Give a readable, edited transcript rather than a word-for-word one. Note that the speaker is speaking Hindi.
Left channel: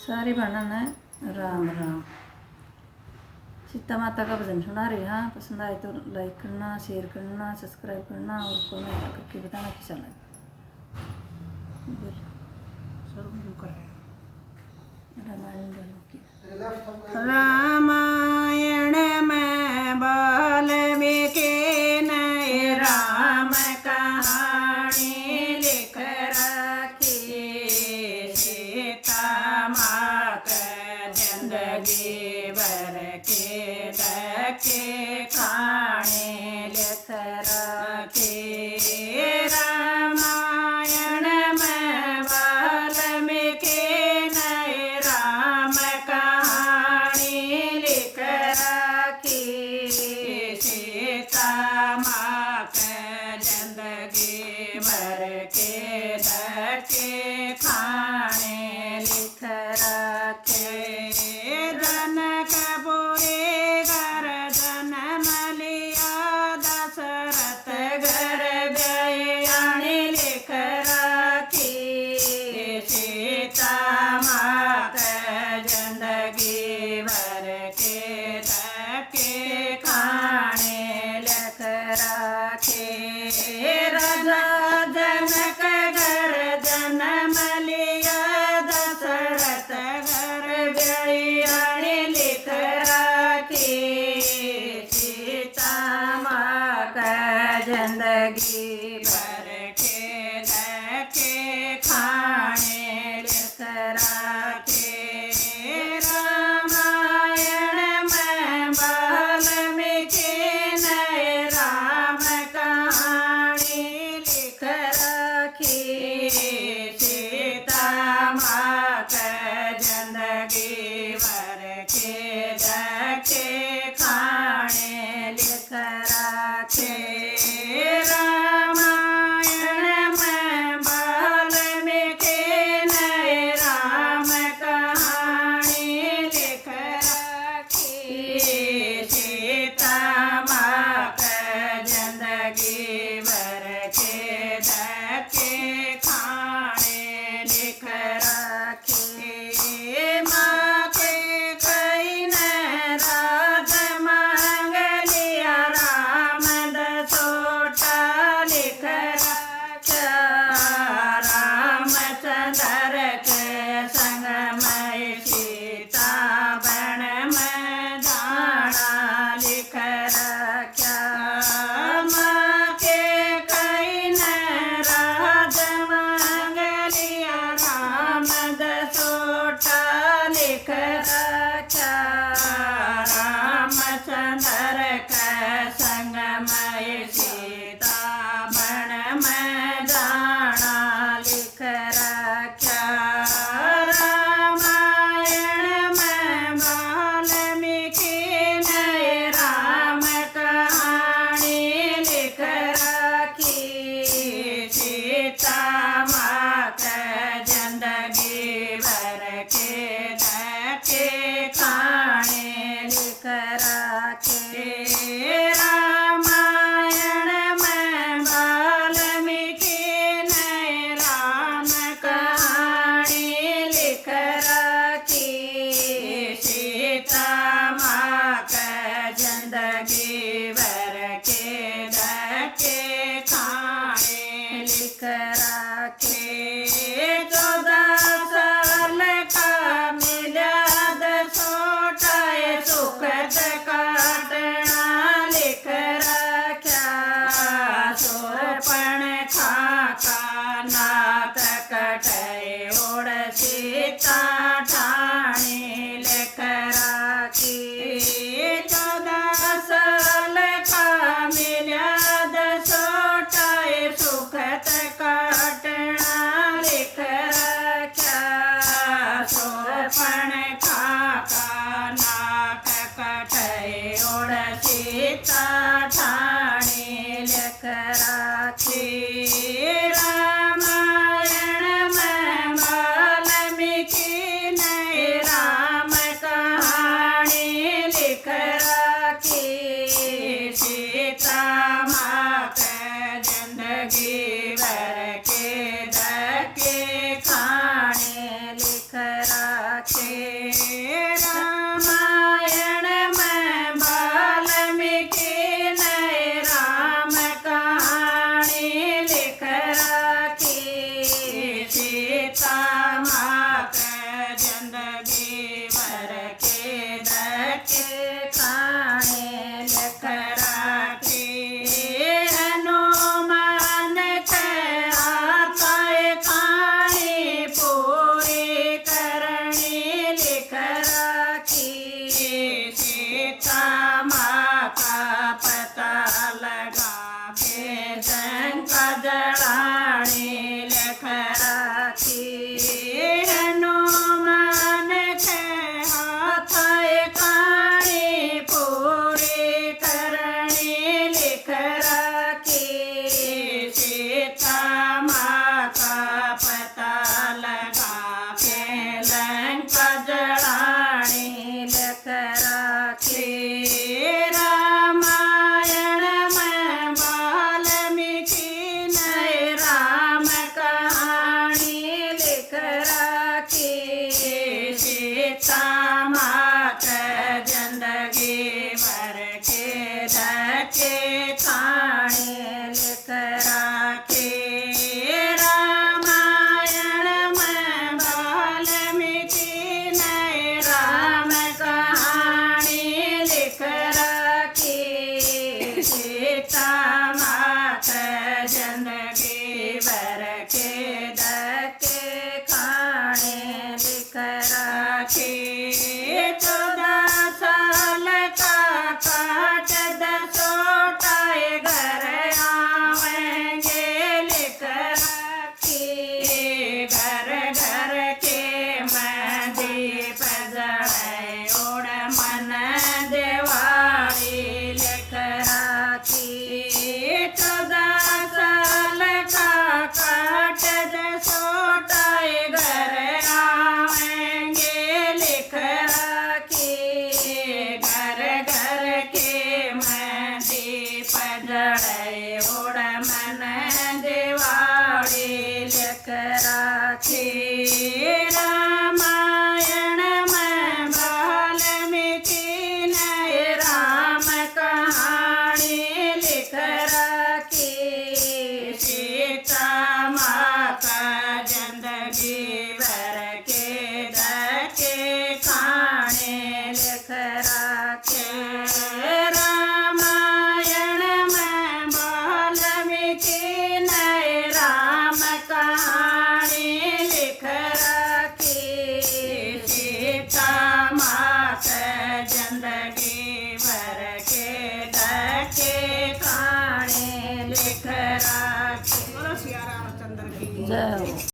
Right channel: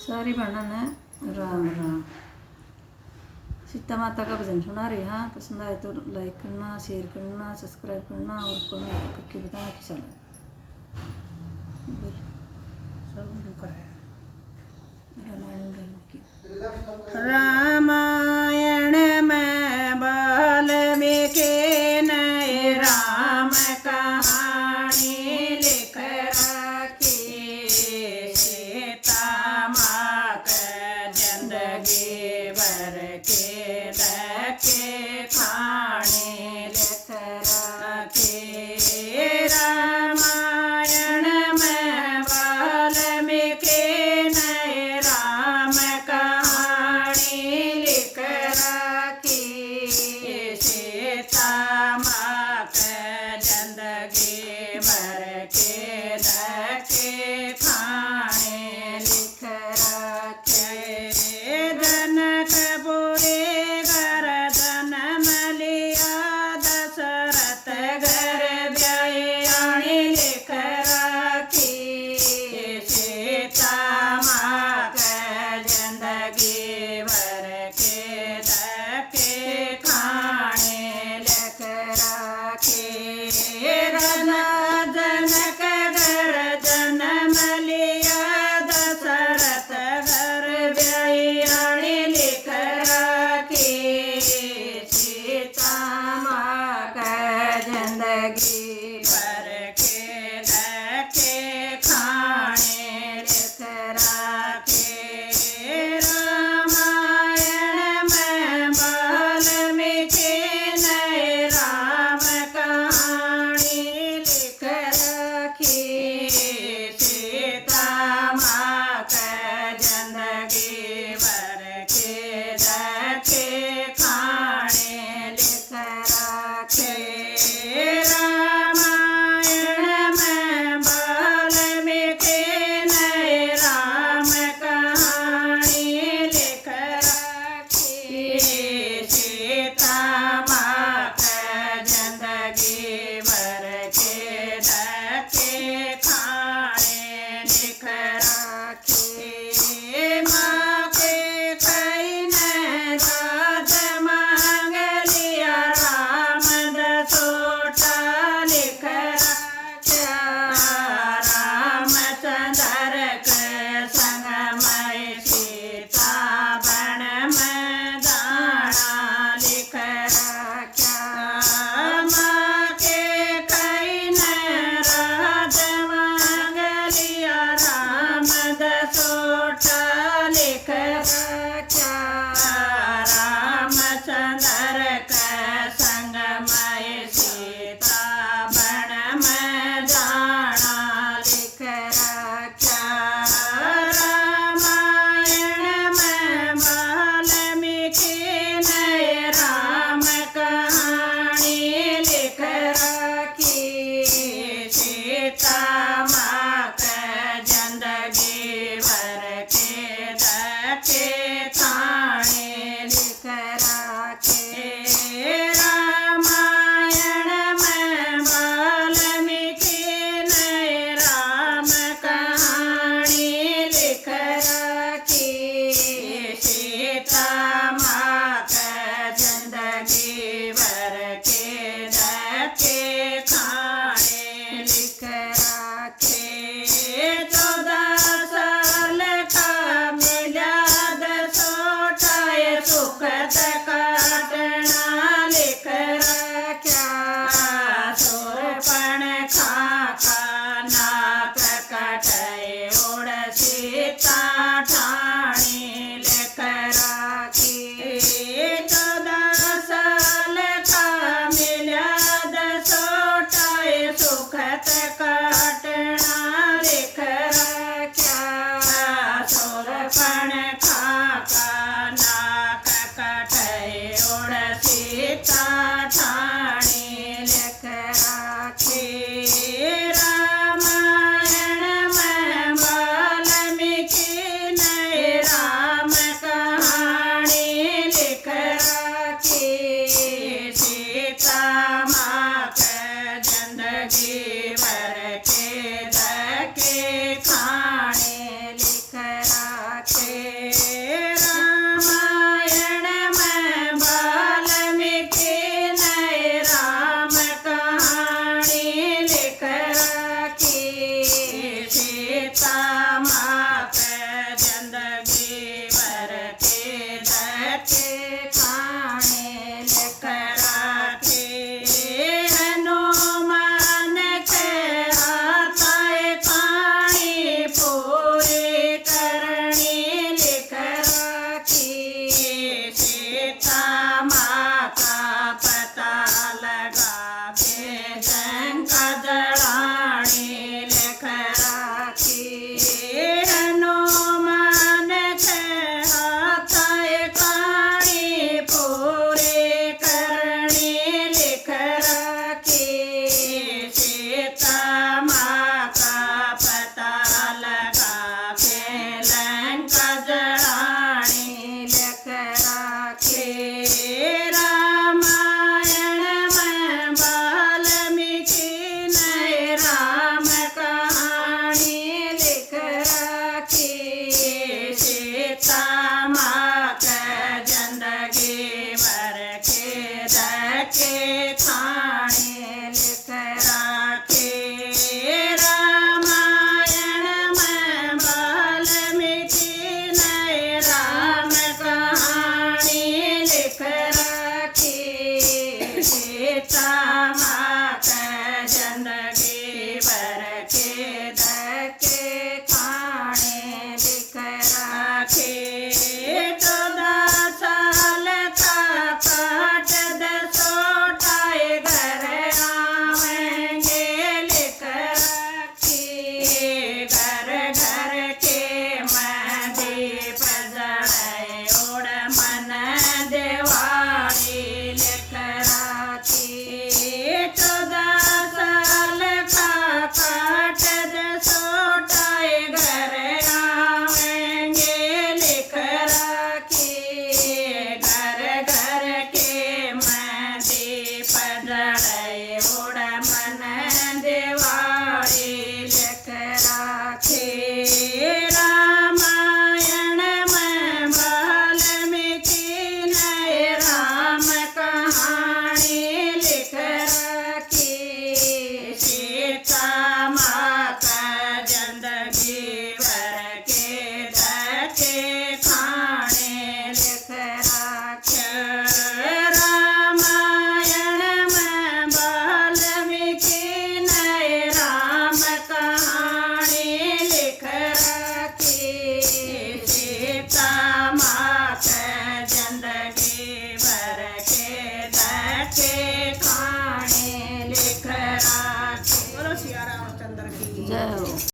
सारी बहनों ने राम राम। सीता माता का भजन सुना रही। हाँ, पसंद आए तो लाइक करना, शेयर करना, सब्सक्राइब करना और कमेंट करके बताना कैसा लगा। रामायण में वाल्मीकि ने राम कहानी लिख रखी। सीता माँ का जिंदगी भर के धक्के खाने लिख रखी। रामायण में वाल्मीकि ने राम कहानी लिख रखी। सीता माँ का जिंदगी भर के धक्के खाने लिख रखे। जनकपुरी घर जन्म लिया, दशरथ घर ब्याही लिख रखी। सीता माँ का जिंदगी भर के धक्के खाने लिख रखे। राजा जनक घर जन्म लिया, दशरथ घर ब्याही लिख रखी। सीता माँ का जिंदगी भर के धक्के खाने लिख रखे। रामायण में वाल्मीकि ने राम कहानी लिख रखी। सीता माँ का जिंदगी भर के धक्के खाने लिख रखे। रामायण में वाल्मीकि ने राम कहानी लिख रखी। सीता माँ का जिंदगी भर के धक्के खाने लिख रखे। माँ के कई ने राज मांग लिया, राम दसोटा लिख रखा। रामचंद्र के संग में सीता बन में जाना लिख रखा। माँ के कई ने राज मांग लिया, राम दसोटा लिख रखा। रामचंद्र के संग में सीता बन में जाना लिख रखा। रामायण में वाल्मीकि ने राम कहानी लिख रखी। सीता माँ का जिंदगी भर के धक्के खाने लिख रखे। रामायण में वाल्मीकि ने राम कहानी लिख रखी। सीता माँ का जिंदगी भर के धक्के खाने लिख रखे। 14 साल का मिलाद सोटाए सुखद काटना लिख रखा। सोरपण खाका नाथ कटाए ओढ़ सीता ठाणी लिख रखी। 14 साल का मिलाद सोटाए सुखद काटना लिख रखा। सोरपण खाका नाक कटाए ओढ़ सीता ठाणी लिख रखी। रामायण में वाल्मीकि मात जिंदगी भर के धक्के खाने लिख राखे हनुमान के आताए खानी पूरी करनी लिख राखी सीता माँ का पता लगा बेजंग जड़ानी लिख राखी हनुमान के हाथाए खानी पूरी करनी लिख राखी सीता माँ का पता लगा के लंका जड़ानी लिख राखी रामायण में वाल्मीकि ने राम कहानी लिख राखी सीता मात जिंदगी भर के धक्के खाने लिख राखी रामायण में वाल्मीकि ने राम कहानी लिख राखी सीता मात जिंदगी भर के धक्के खाने लिख राखी 14 साल का काट दसोटाए घर आवेंगे लिख राखी घर घर के दीप जलाए उड़ मन दिवाली लिख राखी 14 साल का काट दसोटाए घर आवेंगे लिख राखी घर घर के दीप जलाए उड़ मन दिवाली लिख राखी रामायण में वाल्मीकि ने राम कहानी लिख राखी सीता माँ का जिंदगी भर के धक्के खाने लिख राखी रामायण में वाल्मीकि ने राम कहानी लिख राखी सीता माँ का जिंदगी भर के धक्के खाने लिख राखी। बोलो सिया रामचंद्र की जय हो।